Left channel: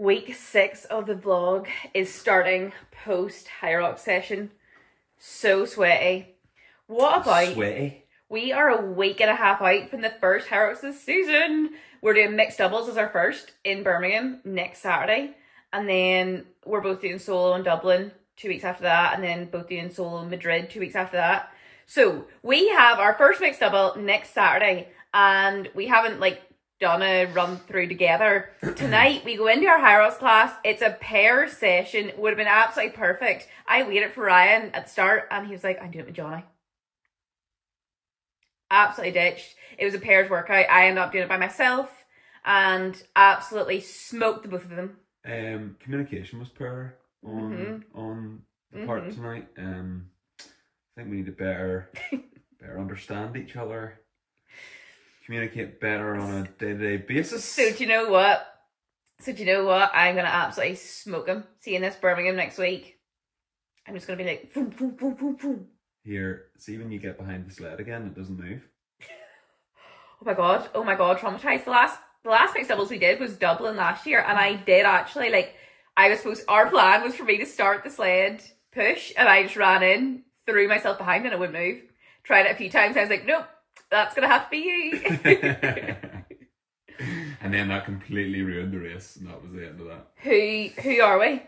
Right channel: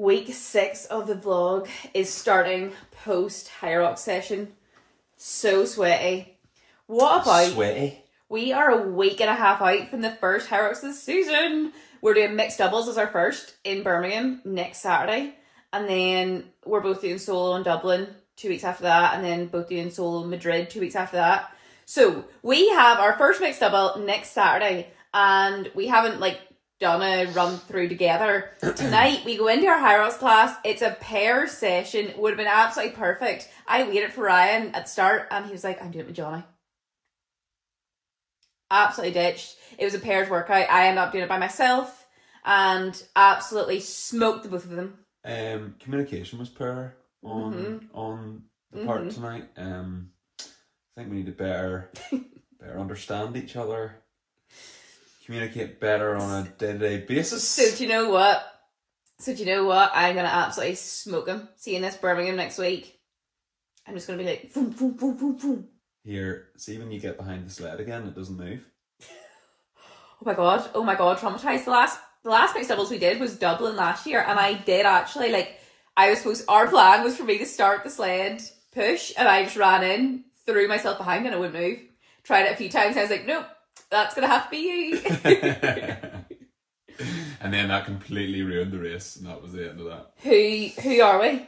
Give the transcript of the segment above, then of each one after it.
Week 6 of the vlog is starting post Hyrox session. So sweaty. What about... Sweaty? We are a week and a half out from the first Hyrox this season. We're doing mixed doubles as our first in Birmingham next Saturday. And then we're both doing solo in Dublin 2 weeks after that. And then both doing solo in Madrid 2 weeks after that. So we have our first mixed double next Saturday. And we haven't done a run through together. Tonight we go into our Hyrox class. It's a pair session. Would have been absolutely perfect. I waited for Ryan at the start and he was like, I'm doing it with Johnny. Absolutely ditched. It was a pairs workout. I ended up doing it by myself and absolutely smoked the both of them. Communication was poor on the part tonight. I think we need to better understand each other. Communicate better on a day-to-day basis. So do you know what? I'm going to absolutely smoke him. Seeing this Birmingham next week. I'm just going to be like, boom, boom, boom, boom, boom. Here, see when you get behind the sled again, it doesn't move. Oh my god, traumatized. The last mixed doubles we did was Dublin last year. And I did actually, our plan was for me to start the sled push. And I just ran in, threw myself behind and it wouldn't move. Tried it a few times. I was like, nope. That's going to have to be you. And then that completely ruined the race. And that was the end of that. Who are we?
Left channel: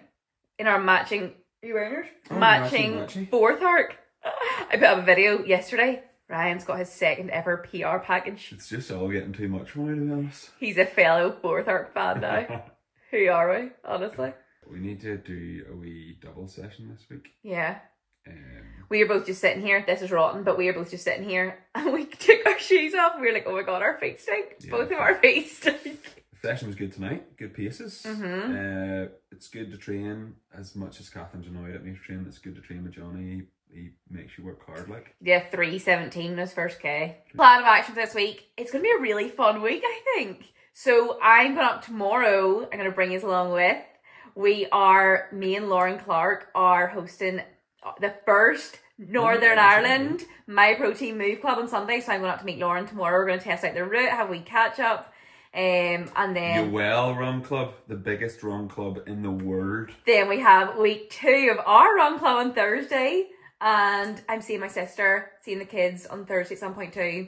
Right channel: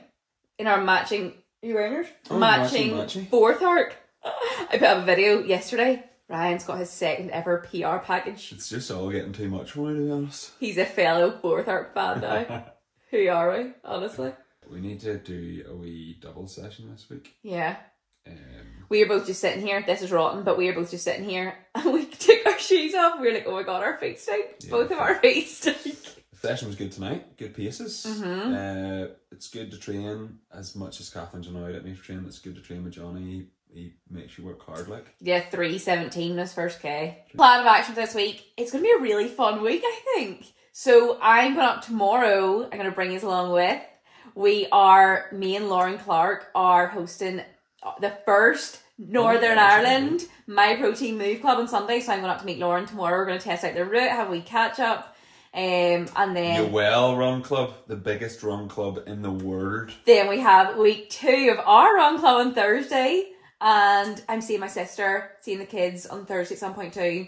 In our matching... Are you wearing yours? Oh, matching fourth arc. I put up a video yesterday. Ryan's got his second ever PR package. It's just all getting too much for me, to be honest. He's a fellow fourth arc fan now. Who are we, honestly? We need to do a wee double session this week. Yeah. We were both just sitting here. This is rotten, but we were both just sitting here and we took our shoes off. We were like, oh my god, our feet stink. Yeah, both of our feet stink. The session was good tonight. Good paces. It's good to train as much as Catherine's annoyed at me for training. It's good to train with Johnny. He makes you work hard, like. Yeah, 3:17 was first K. Plan of action this week. It's going to be a really fun week, I think. So I'm going up tomorrow. I'm going to bring you along with. Me and Lauren Clark are hosting the first Northern Ireland Myprotein Move Club on Sunday. So I'm going up to meet Lauren tomorrow. We're going to test out the route, have a wee catch up. And then your well run club, the biggest run club in the world. Then we have week 2 of our run club on Thursday. And I'm seeing my sister, seeing the kids on Thursday at some point too.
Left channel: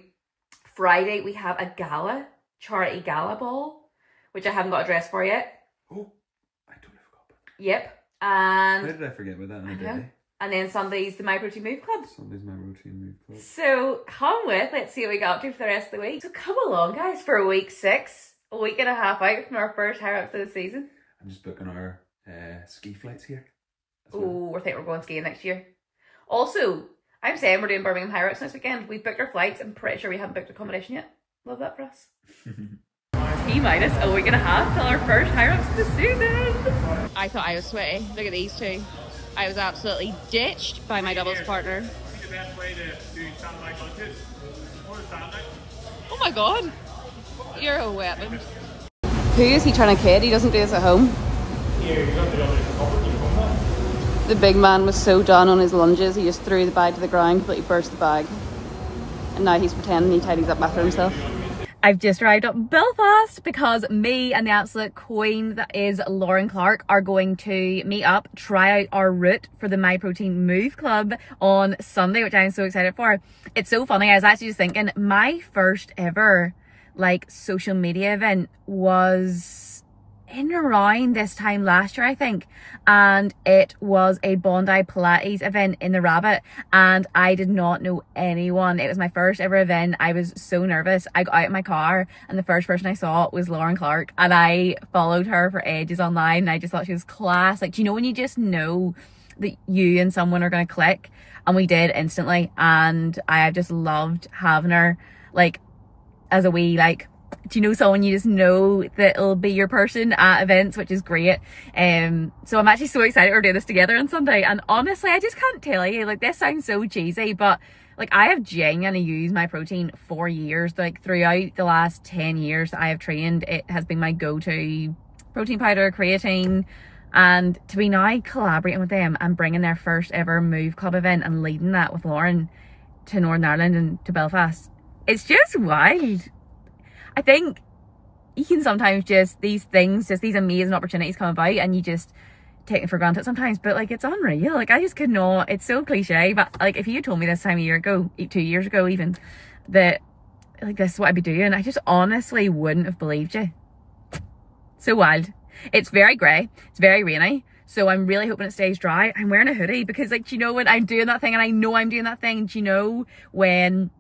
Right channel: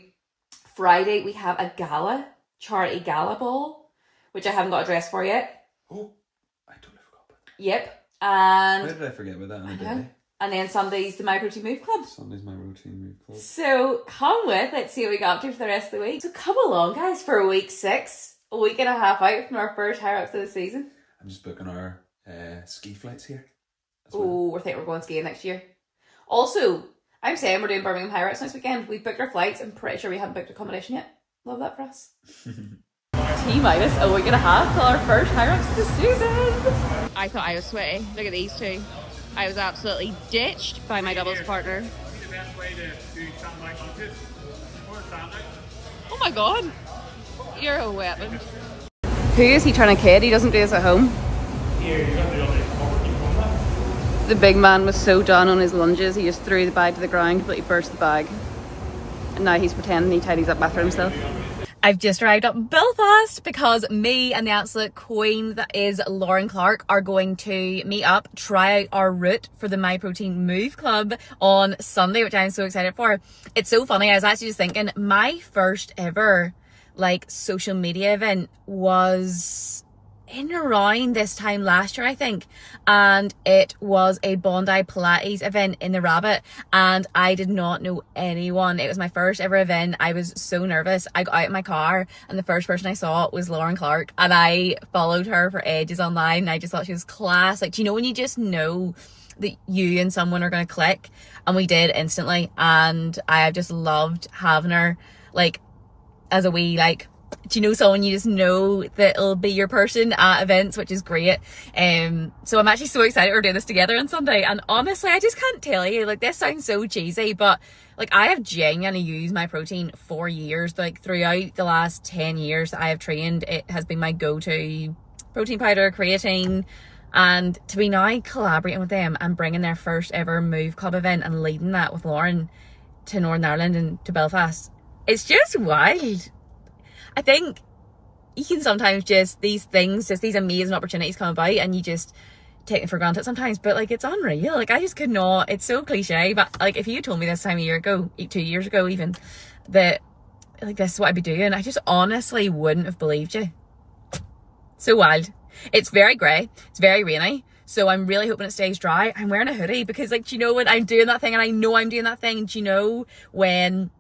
Friday we have a gala, charity gala ball, which I haven't got a dress for yet. Oh, I totally forgot about that. Yep. And how did I forget about that on a day? And then Sunday's the Myprotein Move Club. Sunday's Myprotein Move Club. So come with, let's see what we got up to for the rest of the week. So come along guys for week 6, a week and a half out from our first Hyrox of the season. I'm just booking our ski flights here. Oh, I think we're going skiing next year. Also, I'm saying we're doing Birmingham Hyrox next weekend. We've booked our flights. I'm pretty sure we haven't booked accommodation yet. Love that for us. T-minus a week and a half till our first Hyrox of the season. I thought I was sweaty. Look at these two. I was absolutely ditched by my doubles partner. The best way to do sandbag lunges or sandbag. Oh my god. You're a weapon. Who is he trying to kid? He doesn't do this at home. The big man was so done on his lunges, he just threw the bag to the ground, completely burst the bag. And now he's pretending he tidies up after himself. I've just arrived up in Belfast because me and the absolute queen that is Lauren Clark are going to meet up, try out our route for the Myprotein Move Club on Sunday, which I'm so excited for. It's so funny, I was actually just thinking, my first ever social media event was in around this time last year, I think, and it was a Bondi Pilates event in the Rabbit, and I did not know anyone. It was my first ever event. I was so nervous. I got out of my car and the first person I saw was Lauren Clark, and I followed her for ages online, and I just thought she was class. Do you know when you just know that you and someone are going to click? And we did instantly, and I have just loved having her as a wee do you know someone you just know that it'll be your person at events, which is great. So I'm actually so excited we're doing this together on Sunday, and honestly I just can't tell you, this sounds so cheesy, but I have genuinely used Myprotein for years. Throughout the last 10 years I have trained, it has been my go-to protein powder, creatine, and to be now collaborating with them and bringing their first ever Move Club event and leading that with Lauren to Northern Ireland and to Belfast, it's just wild. I think you can sometimes just, these things, just these amazing opportunities come about and you just take them for granted sometimes, but like it's unreal. Like I just could not, it's so cliche, but like if you had told me this time a year ago, 2 years ago even, that like this is what I'd be doing, I just honestly wouldn't have believed you. So wild. It's very grey, it's very rainy, so I'm really hoping it stays dry. I'm wearing a hoodie because like, do you know when I'm doing that thing, and I know I'm doing that thing, and do you know when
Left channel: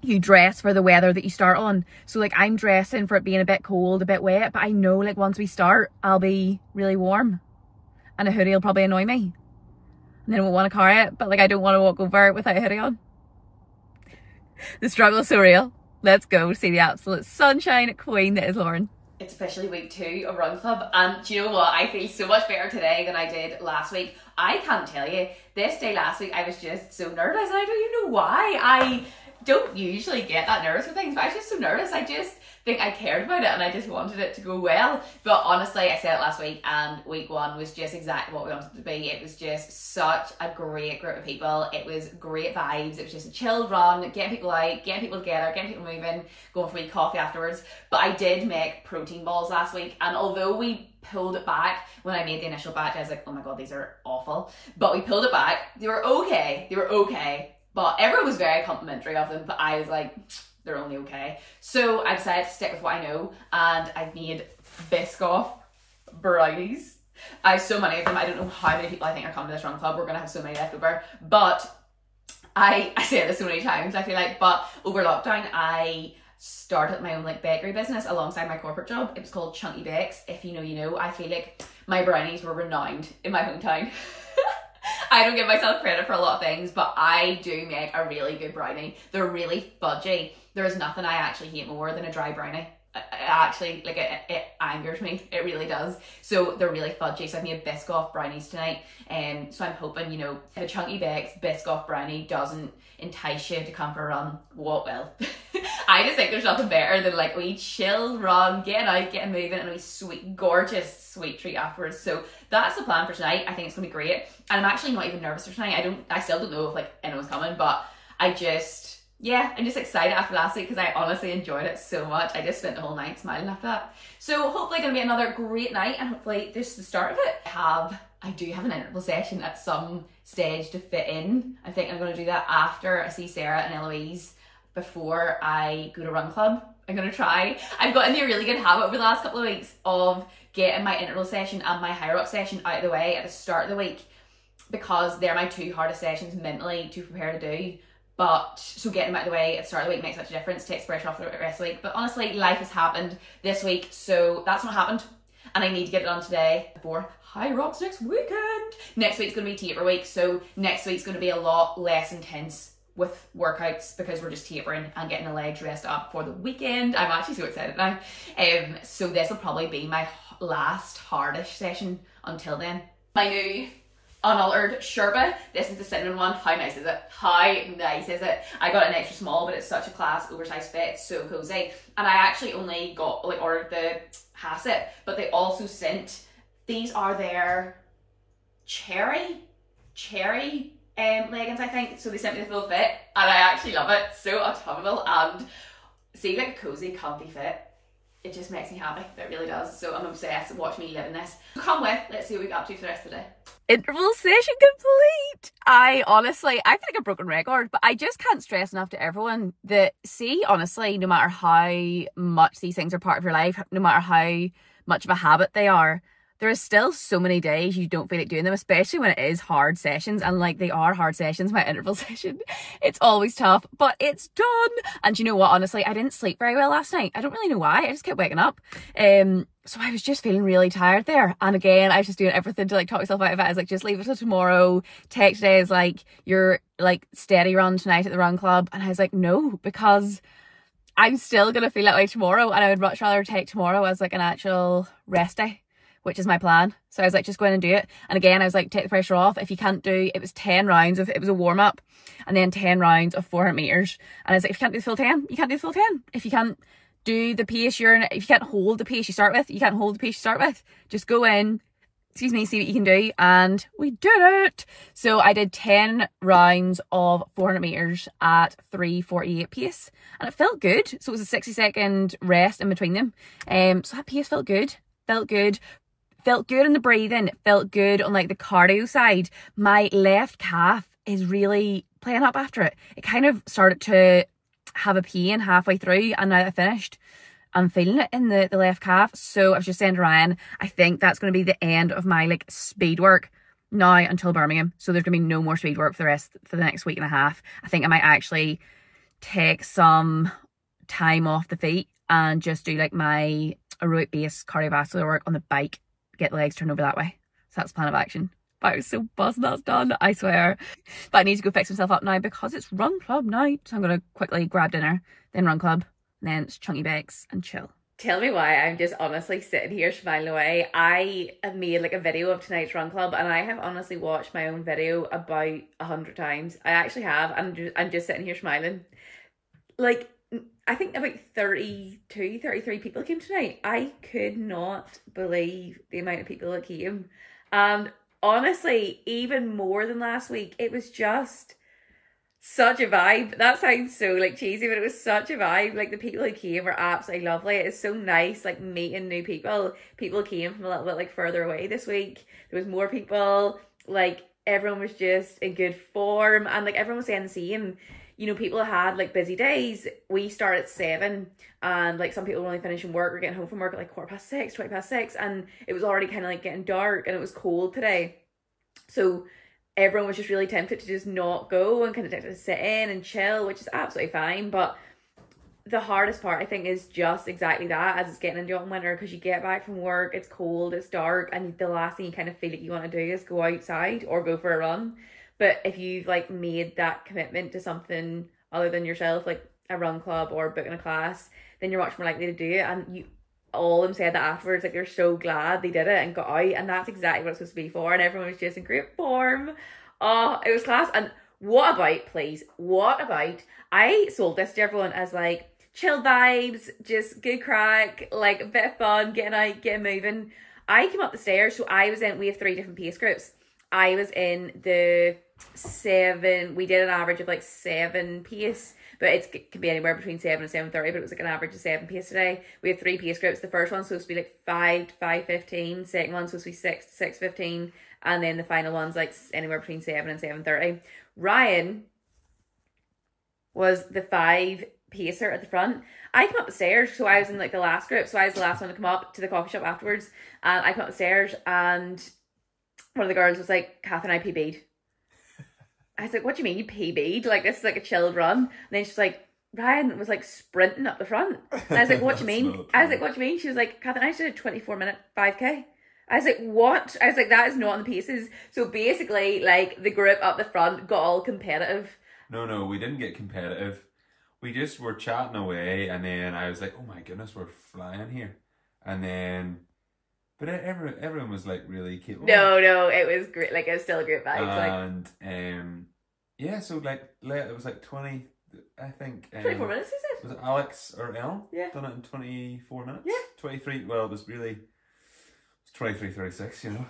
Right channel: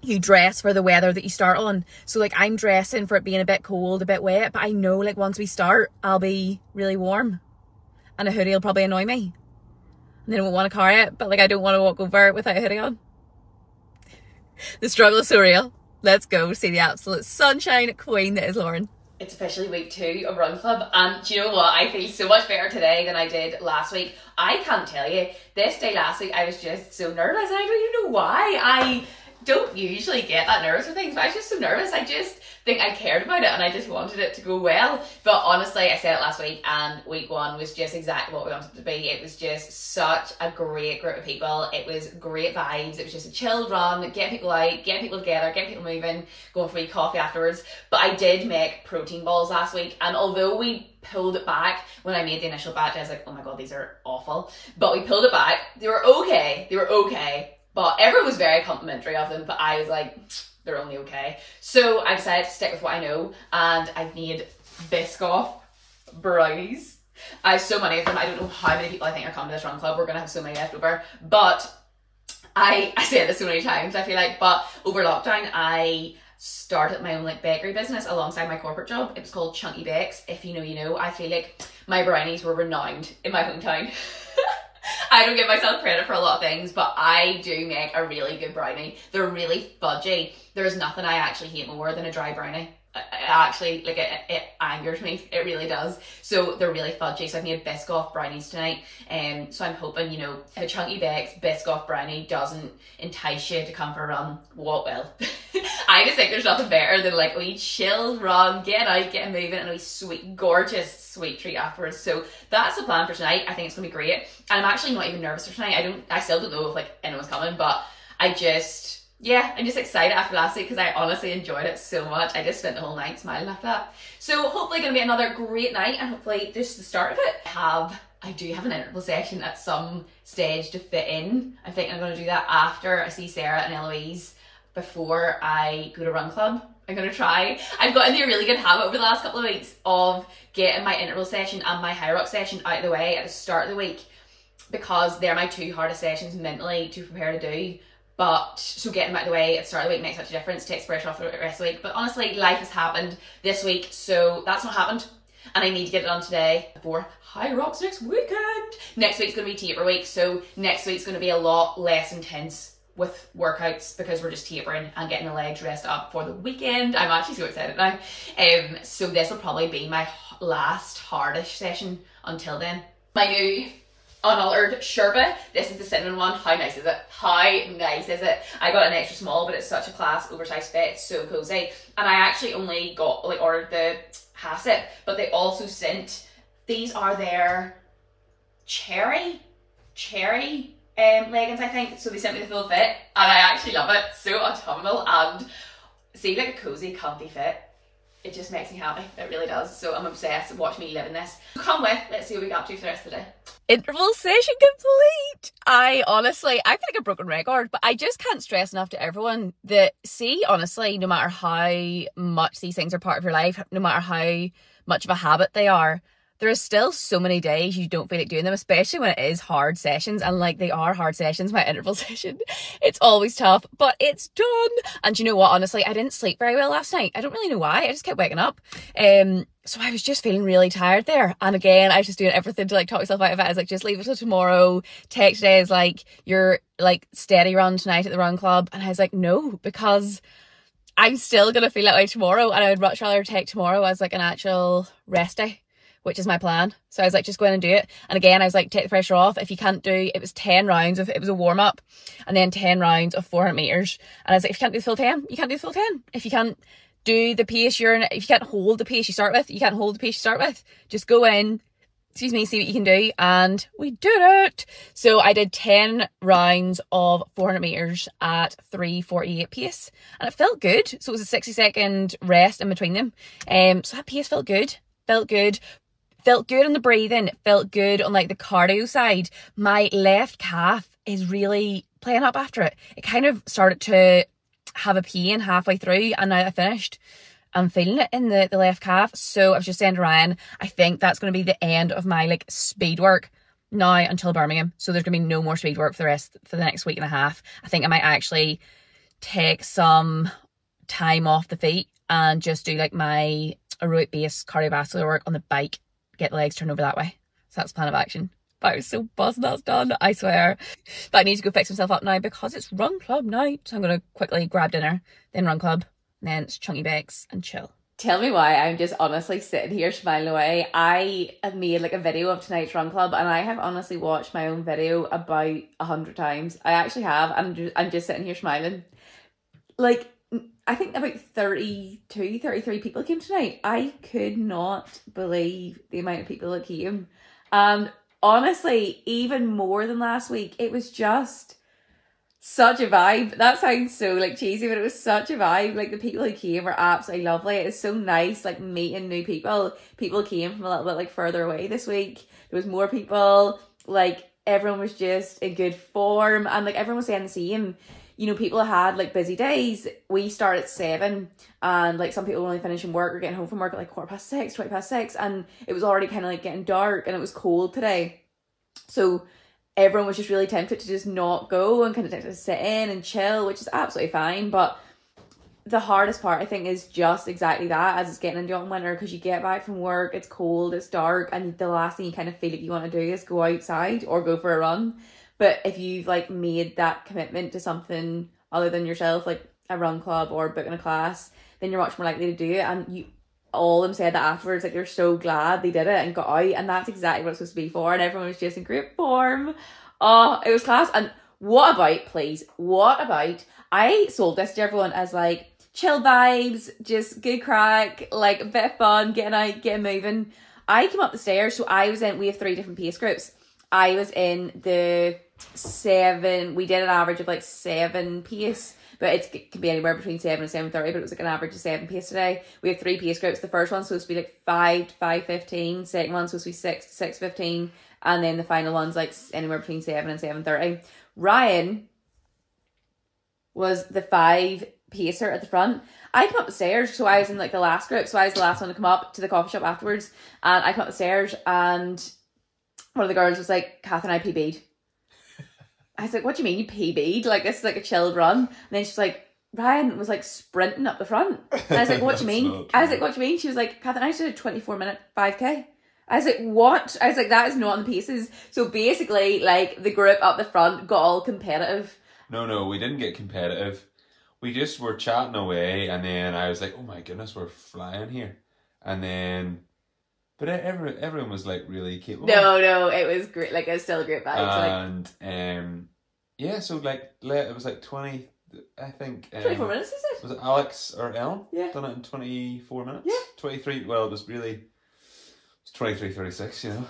you dress for the weather that you start on? So like I'm dressing for it being a bit cold, a bit wet, but I know like once we start I'll be really warm and a hoodie will probably annoy me and then I won't want to carry it, but like I don't want to walk over it without a hoodie on. The struggle is so real. Let's go see the absolute sunshine queen that is Lauren. It's officially week 2 of Run Club, and do you know what? I feel so much better today than I did last week. I can't tell you, this day last week I was just so nervous, and I don't even know why. I don't usually get that nervous for things, but I was just so nervous. I just think I cared about it and I just wanted it to go well. But honestly, I said it last week, and week 1 was just exactly what we wanted it to be. It was just such a great group of people. It was great vibes. It was just a chilled run, getting people out, getting people together, getting people moving, going for a wee coffee afterwards. But I did make protein balls last week, and although we pulled it back when I made the initial batch, I was like, oh my god, these are awful. But we pulled it back. They were okay. They were okay. But everyone was very complimentary of them, but I was like, they're only okay. So I decided to stick with what I know, and I've made Biscoff brownies. I have so many of them. I don't know how many people I think are coming to this run club. We're going to have so many left over. But I say this so many times, I feel like, but over lockdown, I started my own like bakery business alongside my corporate job. It was called Chunky Bakes. If you know, you know. I feel like my brownies were renowned in my hometown. I don't give myself credit for a lot of things, but I do make a really good brownie. They're really fudgy. There is nothing I actually hate more than a dry brownie. It actually, like, it angers me. It really does. So they're really fudgy. So I've made Biscoff brownies tonight. So I'm hoping, you know, if a Chunky Bakes Biscoff brownie doesn't entice you to come for a run, what will? I just think there's nothing better than like a wee chill run, getting out, getting moving, and a wee sweet, gorgeous sweet treat afterwards. So that's the plan for tonight. I think it's gonna be great. And I'm actually not even nervous for tonight. I still don't know if like anyone's coming, but I'm just excited after last week because I honestly enjoyed it so much. I just spent the whole night smiling after that. So hopefully gonna be another great night, and hopefully this is the start of it. I do have an interval session at some stage to fit in. I think I'm gonna do that after I see Sarah and Eloise before I go to Run Club. I'm gonna try. I've got into a really good habit over the last couple of weeks of getting my interval session and my Hyrox session out of the way at the start of the week, because they're my 2 hardest sessions mentally to prepare to do. But so getting them out of the way at the start of the week makes such a difference, takes pressure off the rest of the week. But honestly, life has happened this week, so that's not happened, and I need to get it done today before Hyrox next weekend. Next week's gonna be taper week, so next week's gonna be a lot less intense with workouts because we're just tapering and getting the legs dressed up for the weekend. I'm actually so excited now. So this will probably be my last hardish session until then. My new unaltered Sherpa. This is the cinnamon one. How nice is it? How nice is it? I got an extra small, but it's such a class oversized fit. It's so cozy. And I actually only got like ordered the hasset, but they also sent, these are their cherry leggings, I think. So they sent me the full fit, and I actually love it. So autumnal, and see, like a cozy, comfy fit. It just makes me happy. It really does. So I'm obsessed. Watch me live in this. Come with. Let's see what we got up to for the rest of the day. Interval session complete. I honestly, I feel like a broken record, but I just can't stress enough to everyone that, see, honestly, no matter how much these things are part of your life, no matter how much of a habit they are, there are still so many days you don't feel like doing them, especially when it is hard sessions, and like they are hard sessions. My interval session, it's always tough, but it's done. And you know what, honestly, I didn't sleep very well last night. I don't really know why, I just kept waking up. So I was just feeling really tired there. And again, I was just doing everything to like talk myself out of it. I was like, just leave it till tomorrow. Take today as like your like steady run tonight at the Run Club. And I was like, no, because I'm still gonna feel that way tomorrow, and I would much rather take tomorrow as like an actual rest day, which is my plan. So I was like, just go in and do it. And again, I was like, take the pressure off. If you can't do, it was 10 rounds of, it was a warm up, and then 10 rounds of 400 meters. And I was like, if you can't do the full 10, you can't do the full 10. If you can't do the pace if you can't hold the pace you start with, you can't hold the pace you start with. Just go in, excuse me, see what you can do, and we did it. So I did 10 rounds of 400 meters at 3:48 pace, and it felt good. So it was a 60-second rest in between them. So that pace felt good, felt good in the breathing, felt good on like the cardio side. My left calf is really playing up after it. It kind of started to have a pain halfway through, and now I finished, I'm feeling it in the left calf. So I was just saying to Ryan, I think that's going to be the end of my like speed work now until Birmingham. So there's going to be no more speed work for the next week and a half. I think I might actually take some time off the feet and just do like my aerobic base cardiovascular work on the bike, get the legs turned over that way. So that's the plan of action. But I was so buzzed that's done, I swear. But I need to go fix myself up now because it's run club night. So I'm going to quickly grab dinner, then run club, and then it's chunky bakes and chill. Tell me why I'm just honestly sitting here smiling away. I have made like a video of tonight's run club, and I have honestly watched my own video about 100 times. I actually have. I'm just sitting here smiling. Like, I think about 32, 33 people came tonight. I could not believe the amount of people that came. And honestly, even more than last week, it was just such a vibe. That sounds so like cheesy, but it was such a vibe. Like the people who came were absolutely lovely. It's so nice like meeting new people. People came from a little bit like further away this week. There was more people. Like everyone was just in good form, and like everyone was saying the same. You know, people had like busy days. We start at 7, and like some people were only finishing work or getting home from work at like 6:15, 6:20, and it was already kind of like getting dark, and it was cold today. So everyone was just really tempted to just not go and kind of sit in and chill, which is absolutely fine. But the hardest part, I think, is just exactly that, as it's getting into autumn winter, because you get back from work, it's cold, it's dark, and the last thing you kind of feel like you want to do is go outside or go for a run. But if you've like made that commitment to something other than yourself, like a run club or booking a class, then you're much more likely to do it. And all of them said that afterwards, like, you're so glad they did it and got out, and that's exactly what it's supposed to be for. And everyone was just in great form. Oh, it was class. And what about, please, what about, I sold this to everyone as like chill vibes, just good crack, like a bit of fun, getting out, getting moving. I came up the stairs, so we have 3 different pace groups. I was in the 7, we did an average of like 7 pace, but it can be anywhere between 7 and 7:30, but it was like an average of 7 pace today. We have 3 pace groups. The first one's supposed to be like 5 to 5:15, second one's supposed to be 6 to 6:15, and then the final one's like anywhere between 7 and 7:30. Ryan was the 5 pacer at the front. I came up the stairs, so I was in like the last group, so I was the last one to come up to the coffee shop afterwards, and I came up the stairs, and one of the girls was like, "Kath and I PB'd." I was like, "What do you mean you PB'd? Like, this is like a chilled run." And then she's like, "Ryan was like sprinting up the front." And I was like, "What do you mean?" I was like, "What do you mean?" She was like, "Kath and I did a 24-minute 5K. I was like, "What?" I was like, "That is not on the paces." So basically, like, the group up the front got all competitive. No, we didn't get competitive. We just were chatting away, and then I was like, "Oh my goodness, we're flying here." And then, but everyone was like really capable. No, it was great. Like, it was still a great vibe. And yeah, so like it was like 20, I think. 24 minutes, is it? Was it Alex or Ellen? Yeah. Done it in 24 minutes? Yeah. 23, well, it was 23:36, you know.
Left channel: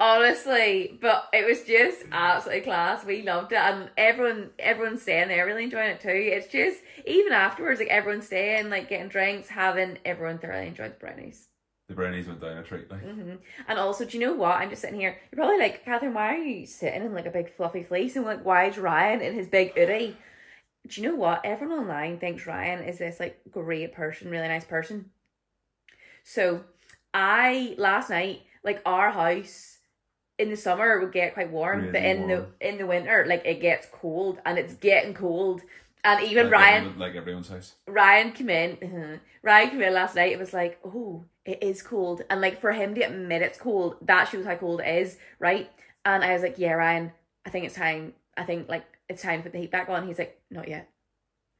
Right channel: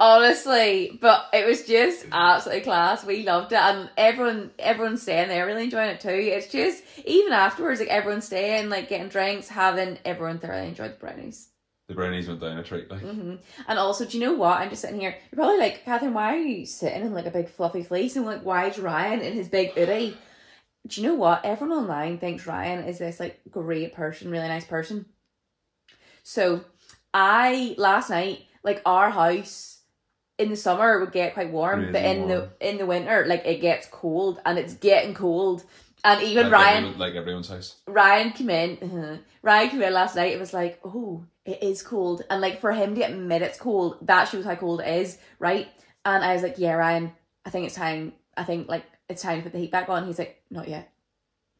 Honestly, but it was just absolutely class. We loved it, and everyone's staying there really enjoying it too. It's just, even afterwards, like, everyone's staying, like, getting drinks, everyone thoroughly enjoyed the brownies. The brownies went down a treat, like. And also, do you know what? I'm just sitting here. You're probably like, "Catherine, why are you sitting in like a big fluffy fleece?" And like, why is Ryan in his big hoodie? Do you know what? Everyone online thinks Ryan is this like great person, really nice person. So last night, like, our house in the summer would get quite warm, really but in the winter, like, it gets cold, and it's getting cold. And even like Ryan, like everyone's house. Ryan came in last night. It was like, "Oh, it is cold." And like, for him to admit it's cold, that shows how cold it is, right? And I was like, "Yeah, Ryan, I think it's time. I think like it's time to put the heat back on." He's like, "Not yet.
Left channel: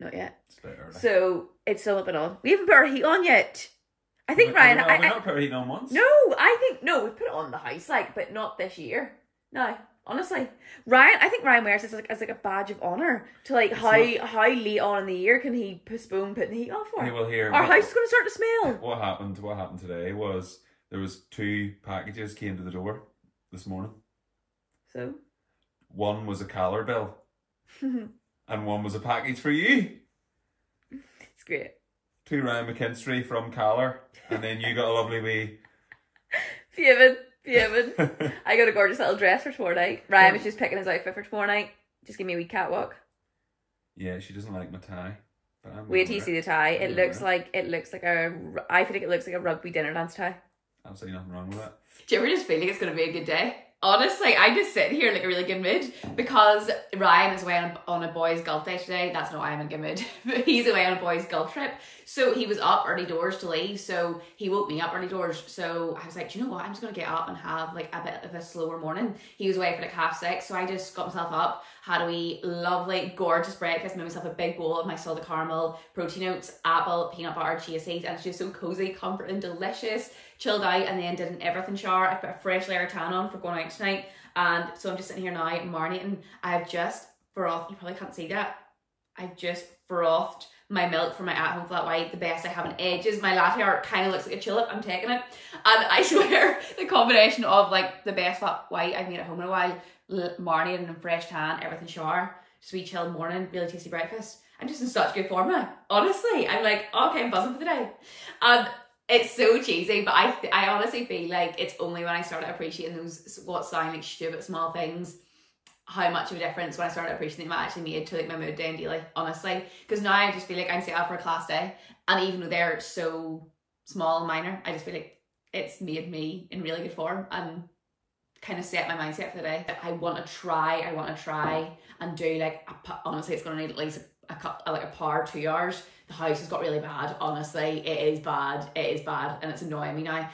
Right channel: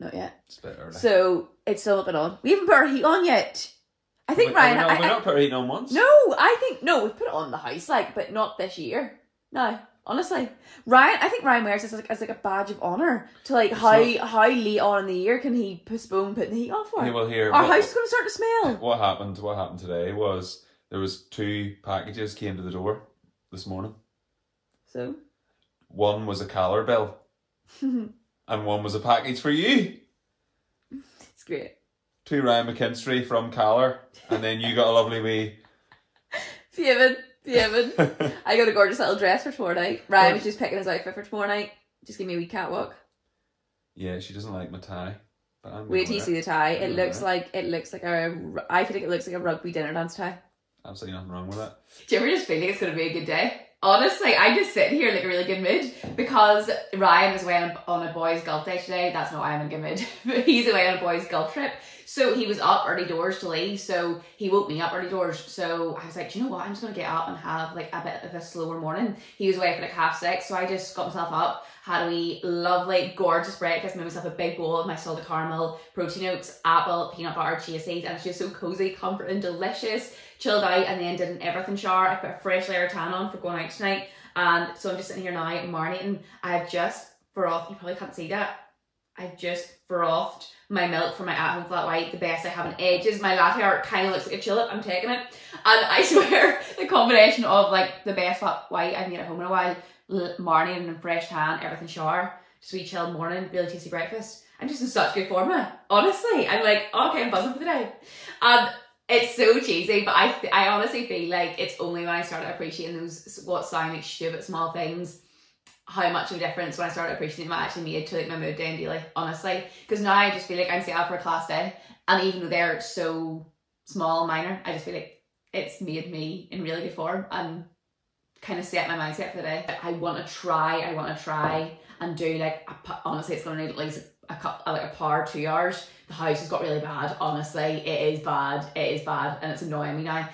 It's a bit early." So it's still not been on. We haven't put our heat on yet. I think Ryan, we not put our heat on once. No, we put it on the house, like, but not this year. No. Honestly, I think Ryan wears this as like a badge of honour to like how late on in the year can he postpone putting the heat on for? Yeah, well, here our house is going to start to smell. What happened today was There was 2 packages came to the door this morning. So? One was a Caller bill. And one was a package for you. It's great. 2 Ryan McKinstry from Caller. And then you got a lovely wee... Fuming. I got a gorgeous little dress for tomorrow night. Ryan was just picking his outfit for tomorrow night. Just give me a wee catwalk. Yeah, she doesn't like my tie. Wait till you see the tie. It looks like a, I feel like it looks like a rugby dinner dance tie. Absolutely nothing wrong with it. Do you ever just feel like it's going to be a good day? Honestly, I just sit here in like a really good mood because Ryan is away on a boys' golf day today. That's not why I'm in a good mood. But he's away on a boys' golf trip. So he was up early doors to leave. So he woke me up early doors. So I was like, do you know what? I'm just going to get up and have like a bit of a slower morning. He was away for like 6:30. So I just got myself up, had a wee lovely, gorgeous breakfast, made myself a big bowl of my salted caramel, protein oats, apple, peanut butter, chia seeds. And it's just so cozy, comforting, delicious. Chilled out and then did an everything shower. I put a fresh layer of tan on for going out tonight. And so I'm just sitting here now marinating. I've just frothed, you probably can't see that. I've just frothed my milk for my at-home flat white, the best I have in ages. My latte art kind of looks like a chillip. I'm taking it. And I swear the combination of like the best flat white I've made at home in a while, marinating and fresh tan, everything shower, just a wee chilled morning, really tasty breakfast. I'm just in such good form now. Honestly, I'm like, okay, I'm buzzing for the day. And it's so cheesy, but I honestly feel like it's only when I started appreciating those what sound like stupid small things, how much of a difference when I started appreciating them actually made to like my mood day and daily, honestly. Because now I just feel like I'm set up for a class day, and even though they're so small and minor, I just feel like it's made me in really good form and kind of set my mindset for the day. I want to try and do like, honestly, it's going to need at least a power 2 hours. The house has got really bad, honestly. It is bad, and it's annoying me now.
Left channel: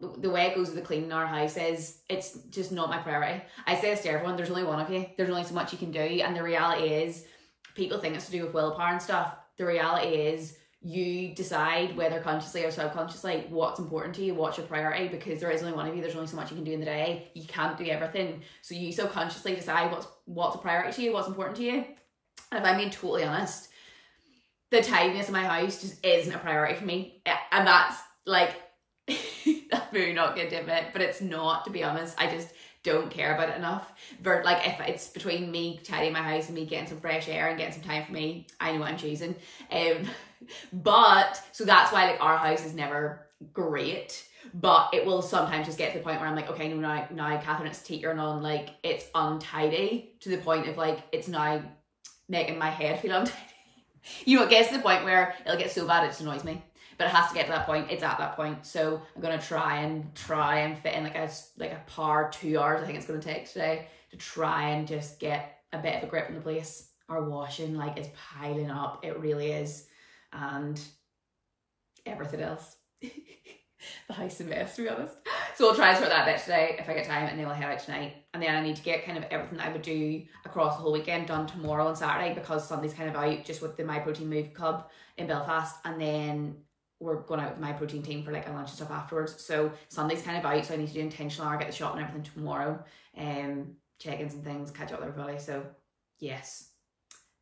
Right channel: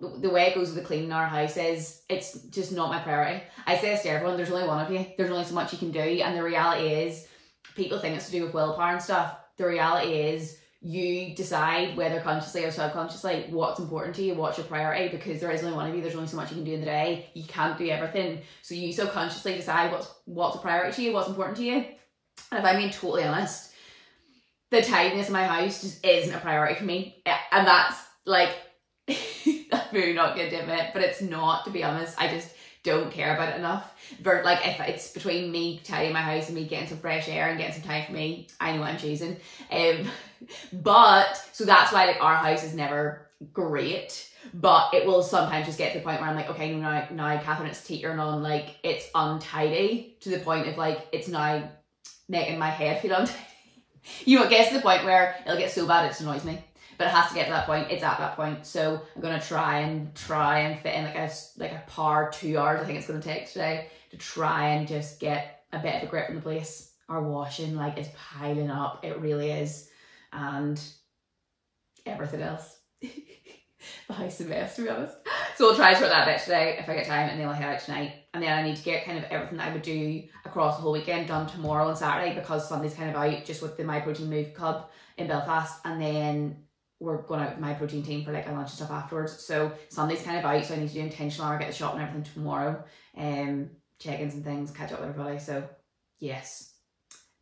The way it goes with the cleaning our house is, it's just not my priority. I say this to everyone, there's only one of you, there's only so much you can do, and the reality is, people think it's to do with willpower and stuff. The reality is, you decide whether consciously or subconsciously what's important to you, what's your priority, because there is only one of you, there's only so much you can do in the day, you can't do everything. So you subconsciously decide what's a priority to you, what's important to you. And if I'm being totally honest, the tidiness of my house just isn't a priority for me. And that's like, that's really not good to admit, but it's not, to be honest. I just don't care about it enough. But like, if it's between me tidying my house and me getting some fresh air and getting some time for me, I know what I'm choosing. But, so that's why like our house is never great. But it will sometimes just get to the point where I'm like, okay, now Catherine, it's teetering on, like, it's untidy to the point of like, it's now making my head feel untidy. You know, it gets to the point where it'll get so bad it just annoys me. But it has to get to that point. It's at that point. So I'm gonna try and fit in like a par 2 hours. I think it's gonna take today to try and just get a bit of a grip on the place. Our washing like is piling up. It really is, and everything else. The house is a mess, to be honest. So we'll try to sort that bit today if I get time, and then we'll head out tonight. And then I need to get kind of everything that I would do across the whole weekend done tomorrow and Saturday, because Sunday's kind of out just with the Myprotein Move Club in Belfast, and then we're going out with the Myprotein team for like a lunch and stuff afterwards. So Sunday's kind of out, so I need to do intentional hour, get the shop and everything tomorrow, check-ins and things, catch up with everybody. So yes,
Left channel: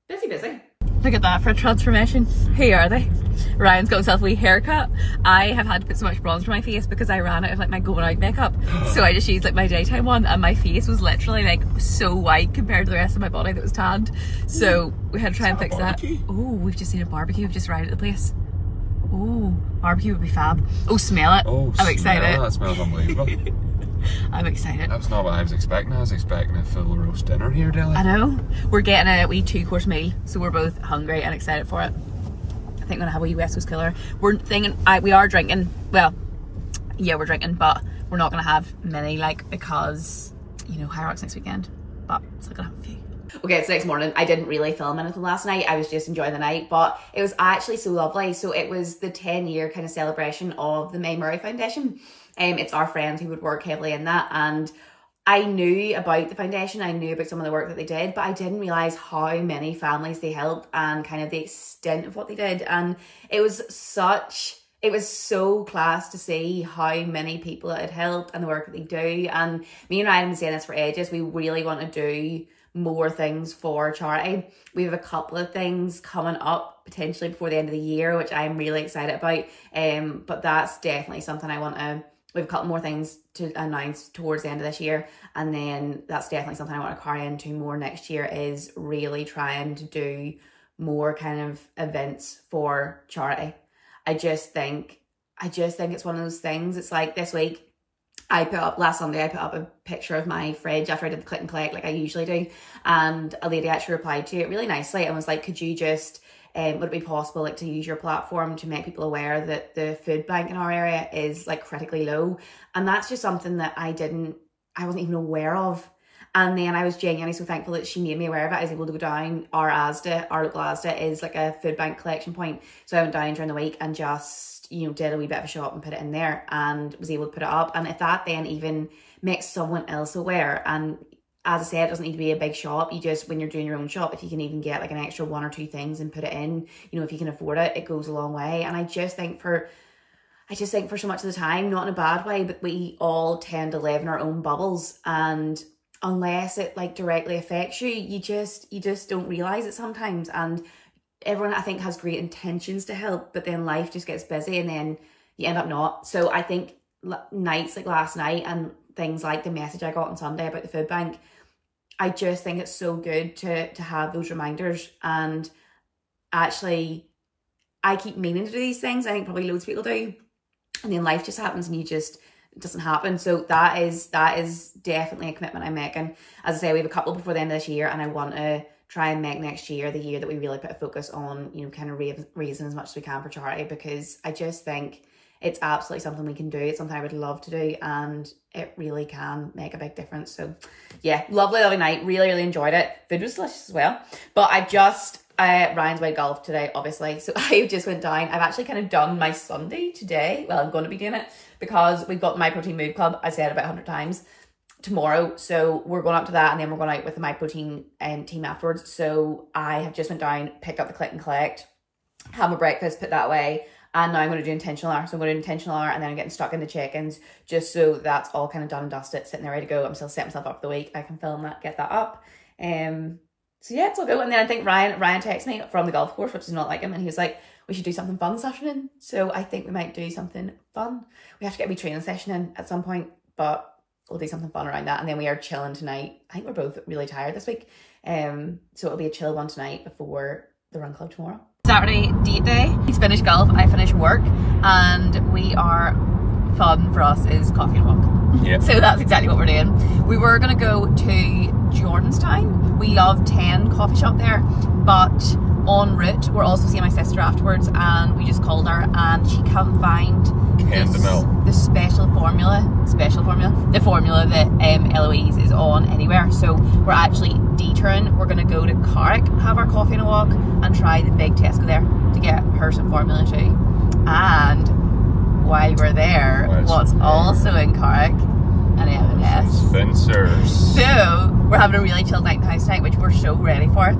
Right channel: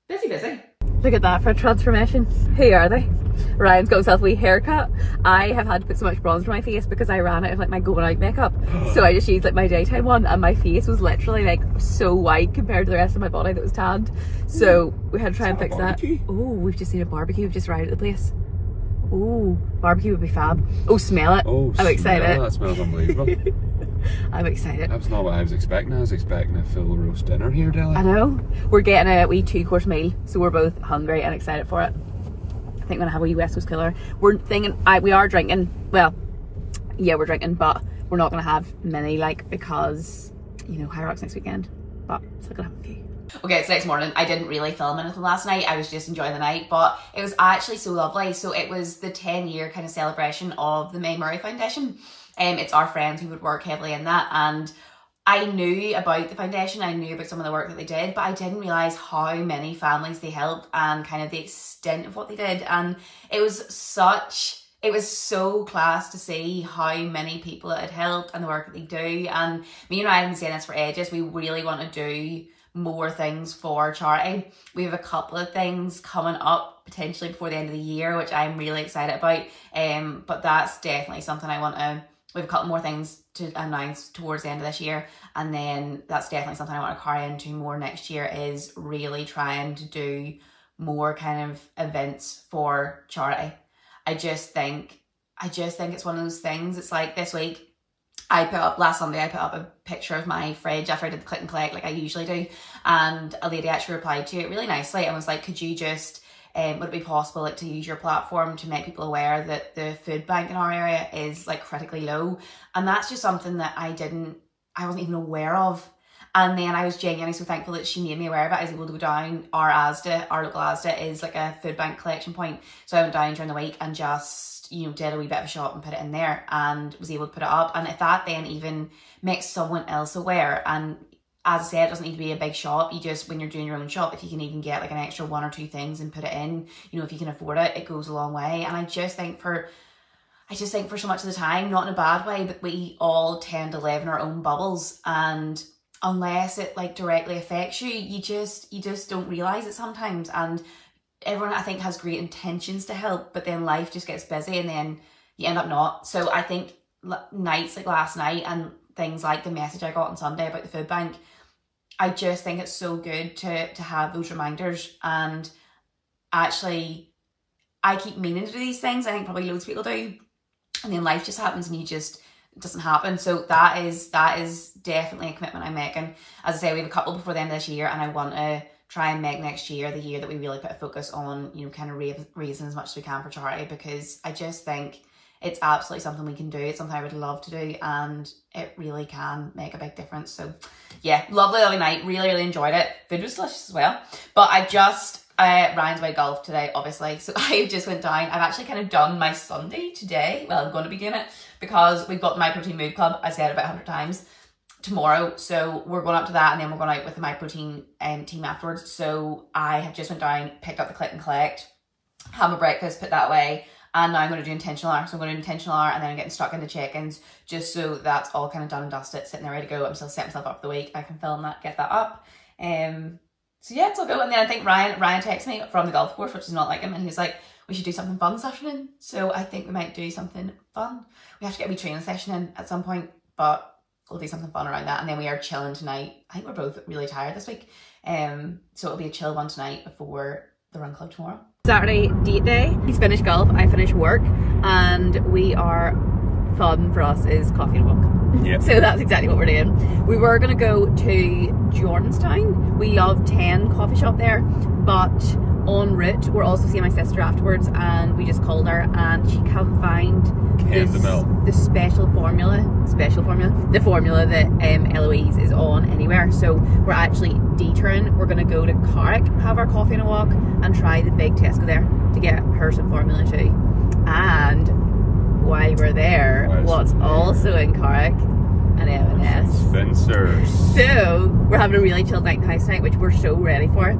busy. Look at that for a transformation. Who are they? Ryan's got himself a wee haircut. I have had to put so much bronzer on my face because I ran out of like my going out makeup. So I just used like my daytime one, and my face was literally like so white compared to the rest of my body that was tanned. So we had to try and fix that. Oh, we've just seen a barbecue. We've just arrived at the place. Oh, barbecue would be fab. Oh, smell it. Oh, I'm excited. That smells unbelievable. I'm excited. That's not what I was expecting. I was expecting a full roast dinner here, Deli. I know. We're getting a wee 2-course meal, so we're both hungry and excited for it. I think I'm gonna have a wee West Coast killer. We're thinking, we are drinking. Well, yeah, we're drinking, but we're not gonna have many, like, because, you know, Hyrox next weekend. But still gonna have a few. Okay, it's next morning. I didn't really film anything last night. I was just enjoying the night, but it was actually so lovely. So it was the 10-year kind of celebration of the May Murray Foundation. It's our friend who would work heavily in that, and I knew about the foundation, I knew about some of the work that they did, but I didn't realise how many families they helped and kind of the extent of what they did. And it was so class to see how many people it had helped and the work that they do. And me and Ryan have been saying this for ages, we really want to do more things for charity. We have a couple of things coming up potentially before the end of the year, which I'm really excited about. But that's definitely something I want to, we have a couple more things to announce towards the end of this year, and then that's definitely something I want to carry into more next year, is really trying to do more kind of events for charity. I just think it's one of those things. It's like this week, last Sunday I put up a picture of my fridge after I did the click and collect like I usually do, and a lady actually replied to it really nicely and was like, could you just would it be possible like to use your platform to make people aware that the food bank in our area is like critically low? And that's just something that I wasn't even aware of. And then I was genuinely so thankful that she made me aware of it. I was able to go down. Our local Asda is like a food bank collection point. So I went down during the week and just, you know, did a wee bit of a shop and put it in there and was able to put it up. And if that then even makes someone else aware, and as I said, it doesn't need to be a big shop. You just, when you're doing your own shop, if you can even get like an extra 1 or 2 things and put it in, you know, if you can afford it, it goes a long way. And I just think for so much of the time, not in a bad way, but we all tend to live in our own bubbles, and unless it like directly affects you, you just don't realize it sometimes. And everyone, I think, has great intentions to help, but then life just gets busy and then you end up not. So I think nights like last night and things like the message I got on Sunday about the food bank, I just think it's so good to have those reminders. And actually, I keep meaning to do these things. I think probably loads of people do. And then life just happens and it doesn't happen. So that is definitely a commitment I'm making. As I say, we have a couple before the end of this year, and I want to try and make next year the year that we really put a focus on, you know, kind of raising as much as we can for charity, because I just think it's absolutely something we can do. It's something I would love to do, and it really can make a big difference. So yeah, lovely night. Really enjoyed it. Food was delicious as well. But Ryan's away golf today, obviously. So I just went down. I've actually kind of done my Sunday today. Well, I'm going to be doing it because we've got the Myprotein Mood Club. I said it about 100 times tomorrow. So we're going up to that, and then we're going out with the Myprotein team afterwards. So I have just went down, picked up the click and collect, had my breakfast, put that away. And now I'm going to do intentional hour. So I'm going to do intentional hour, and then I'm getting stuck into check-ins just so that's all kind of done and dusted, sitting there ready to go. I'm still setting myself up for the week. I can film that, get that up. So yeah, it's all good. And then I think Ryan texted me from the golf course, which is not like him, and he was like, we should do something fun this afternoon. So I think we might do something fun. We have to get a wee training session in at some point, but we'll do something fun around that. And then we are chilling tonight. I think we're both really tired this week. So it'll be a chill one tonight before the run club tomorrow. Saturday date day. He's finished golf, I finished work, and fun for us is coffee and a walk. Yeah. So that's exactly what we're doing. We were going to go to Jordanstown. We love 10 coffee shop there, but en route we're also seeing my sister afterwards, and we just called her and she can't find the formula that Eloise is on anywhere. So we're actually detouring. We're going to go to Carrick, have our coffee and a walk, and try the big Tesco there to get her some formula too. And while we're there, what's also in Carrick? An M&S. Spencer's. So we're having a really chilled night in the house tonight, which we're so ready for.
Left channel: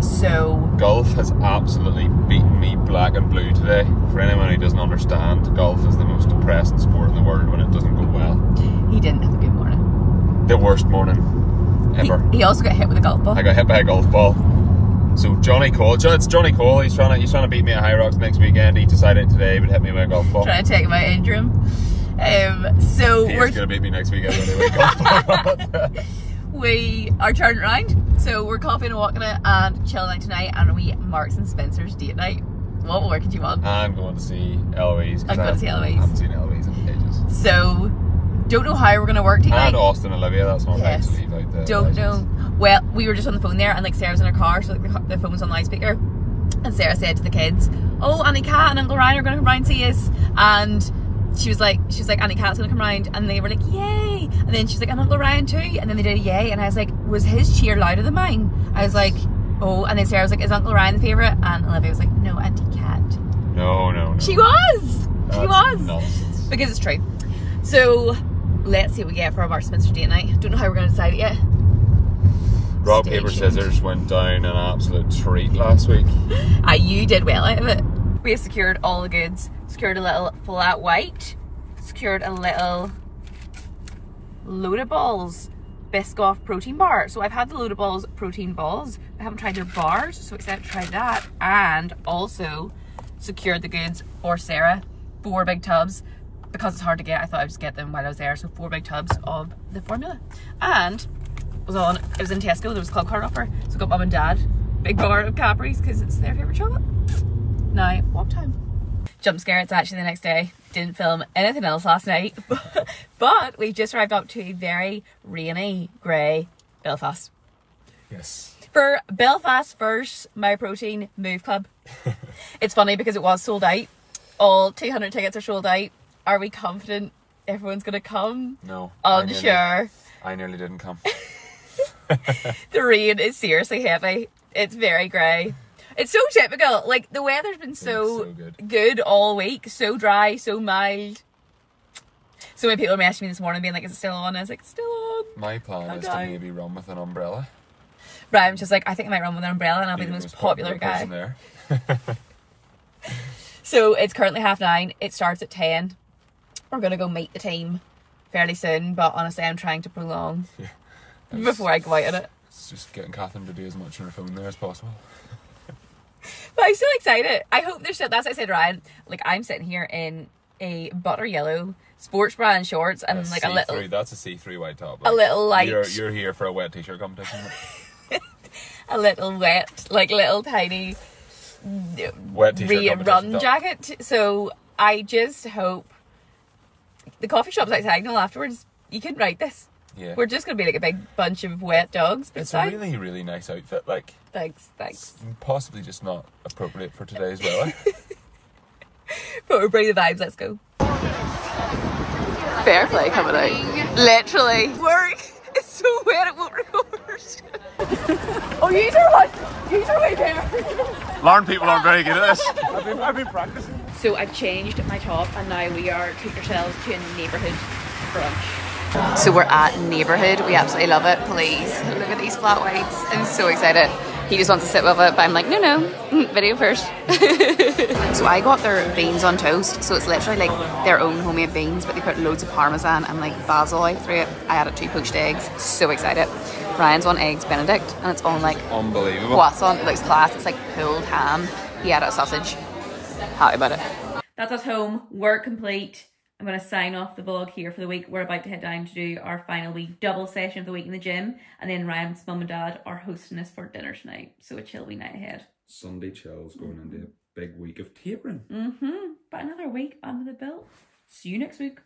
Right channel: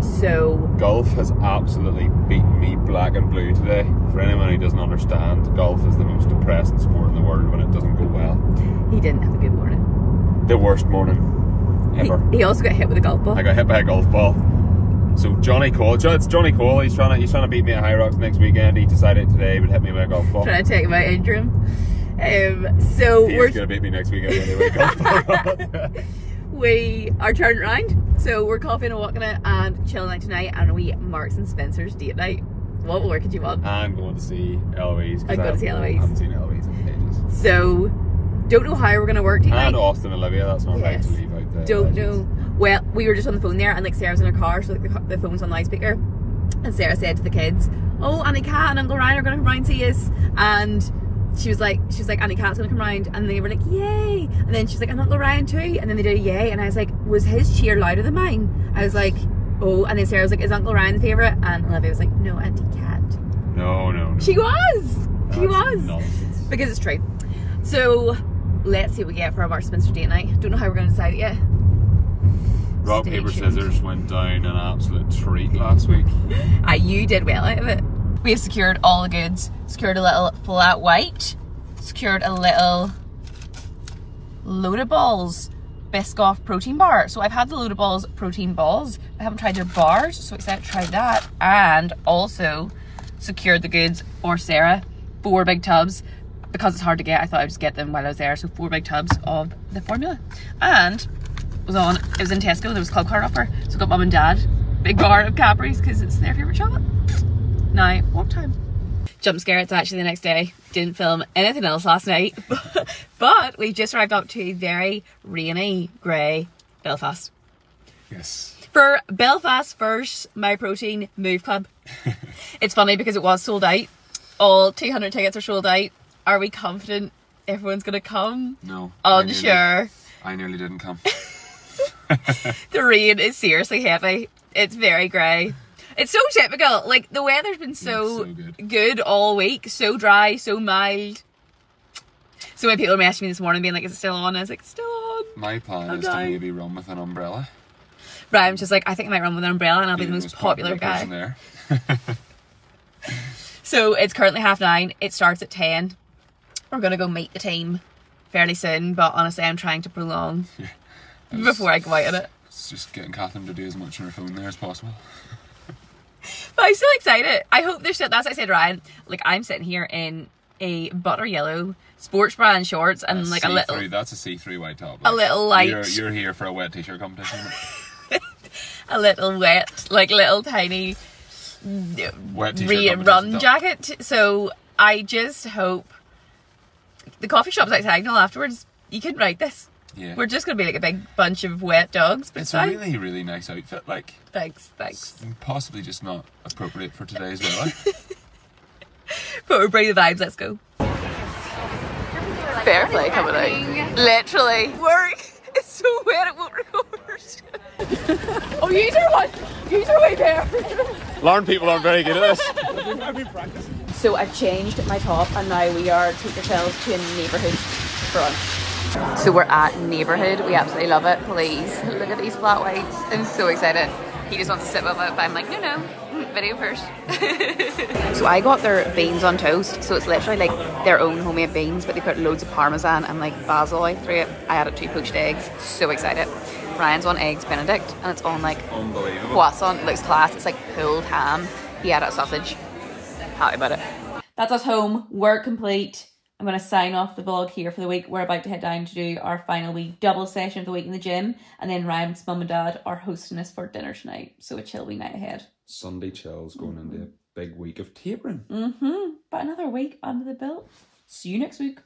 So golf has absolutely beaten me black and blue today. For anyone who doesn't understand, golf is the most depressing sport in the world when it doesn't go well. He didn't have a good morning. The worst morning ever. He also got hit with a golf ball. I got hit by a golf ball. So Johnny Cole, it's Johnny Cole. He's trying to beat me at Hyrox next weekend. He decided today he would hit me with a golf ball. Trying to take him out, injure him. So he's gonna beat me next weekend with a golf ball. We are turning around, so we're coffee and walking it and chilling out tonight, and we Marks and Spencer's date night. What more could you want? I'm going to see Eloise. I'm going to see Eloise. I haven't seen Eloise in ages. So, don't know how we're going to work tonight. And Austin Olivia, that's not right to leave out there. Don't know. Well, we were just on the phone there, and like Sarah's in her car, so the phone was on loudspeaker, and Sarah said to the kids, "Oh, Auntie Kat and Uncle Ryan are going to come round and see us," and she was like, Auntie Kat's gonna come round, and they were like, yay, and then she's like, and Uncle Ryan too, and then they did a yay, and I was like, was his cheer louder than mine? I was like, oh, and then Sarah was like, is Uncle Ryan the favourite? And Olivia was like, no, Auntie Kat. No. She was! She was! Nonsense. Because it's true. So, let's see what we get for our Marks and Spencer date night. Don't know how we're gonna decide it yet. Rock, paper, scissors went down an absolute treat last week. You did well out of it. We have secured all the goods. Secured a little flat white. Secured a little load of balls. Biscoff protein bar. So I've had the Loaded Balls protein balls. I haven't tried their bars, so excited to try that. And also secured the goods for Sarah, 4 big tubs. Because it's hard to get, I thought I'd just get them while I was there. So 4 big tubs of the formula. And it was in Tesco, there was a club card offer. So I got mum and dad big bar of Cadbury's because it's their favourite chocolate. Now, what time? Jump scare, it's actually the next day. Didn't film anything else last night. But we just arrived up to a very rainy, grey Belfast. Yes. For Belfast's first Myprotein Move Club. It's funny because it was sold out. All 200 tickets are sold out. Are we confident everyone's going to come? No. Unsure. I nearly didn't come. The rain is seriously heavy. It's very grey. It's so typical. Like, the weather's been so good all week. So dry, so mild. So many people messaged me this morning being like, is it still on? I was like, it's still on. My plan is to maybe run with an umbrella. Right, I'm just like, I think I might run with an umbrella and I'll be the most popular guy. There. So it's currently 9:30. It starts at 10. We're going to go meet the team fairly soon. But honestly, I'm trying to prolong before I go out in it. It's just getting Catherine to do as much on her phone there as possible. But I'm so excited. I hope they're still, that's what I said to Ryan. Like, I'm sitting here in a butter yellow sports bra and shorts and like a little... That's a see-through white top. Like, a little light... You're here for a wet t-shirt competition. A little wet, like little tiny... wet t-shirt run jacket. So I just hope... The coffee shop's at Signal afterwards. You can write this. Yeah. We're just going to be like a big bunch of wet dogs. But it's a really, really nice outfit. Like, thanks. Possibly just not appropriate for today's weather. But we're bringing the vibes, let's go. Fair play coming out. Literally. Work. It's so wet it won't record. Oh, you are way there. Lauren people aren't very good at this. I've been practicing. So I've changed my top and now we are treat ourselves to a neighbourhood brunch. So we're at Neighbourhood. We absolutely love it. Please look at these flat whites. I'm so excited. He just wants to sit with it, but I'm like, no, video first. So I got their beans on toast. So it's literally like their own homemade beans, but they put loads of parmesan and like basil out through it. I added 2 poached eggs. So excited. Ryan's on eggs Benedict and it's on like unbelievable croissant. It looks class. It's like pulled ham. He added a sausage. Happy about it. That's us home. Work complete. I'm going to sign off the vlog here for the week. We're about to head down to do our final week double session of the week in the gym. And then Ryan's mum and dad are hosting us for dinner tonight. So a chill wee night ahead. Sunday chills going into a big week of tapering. But another week under the belt. See you next week.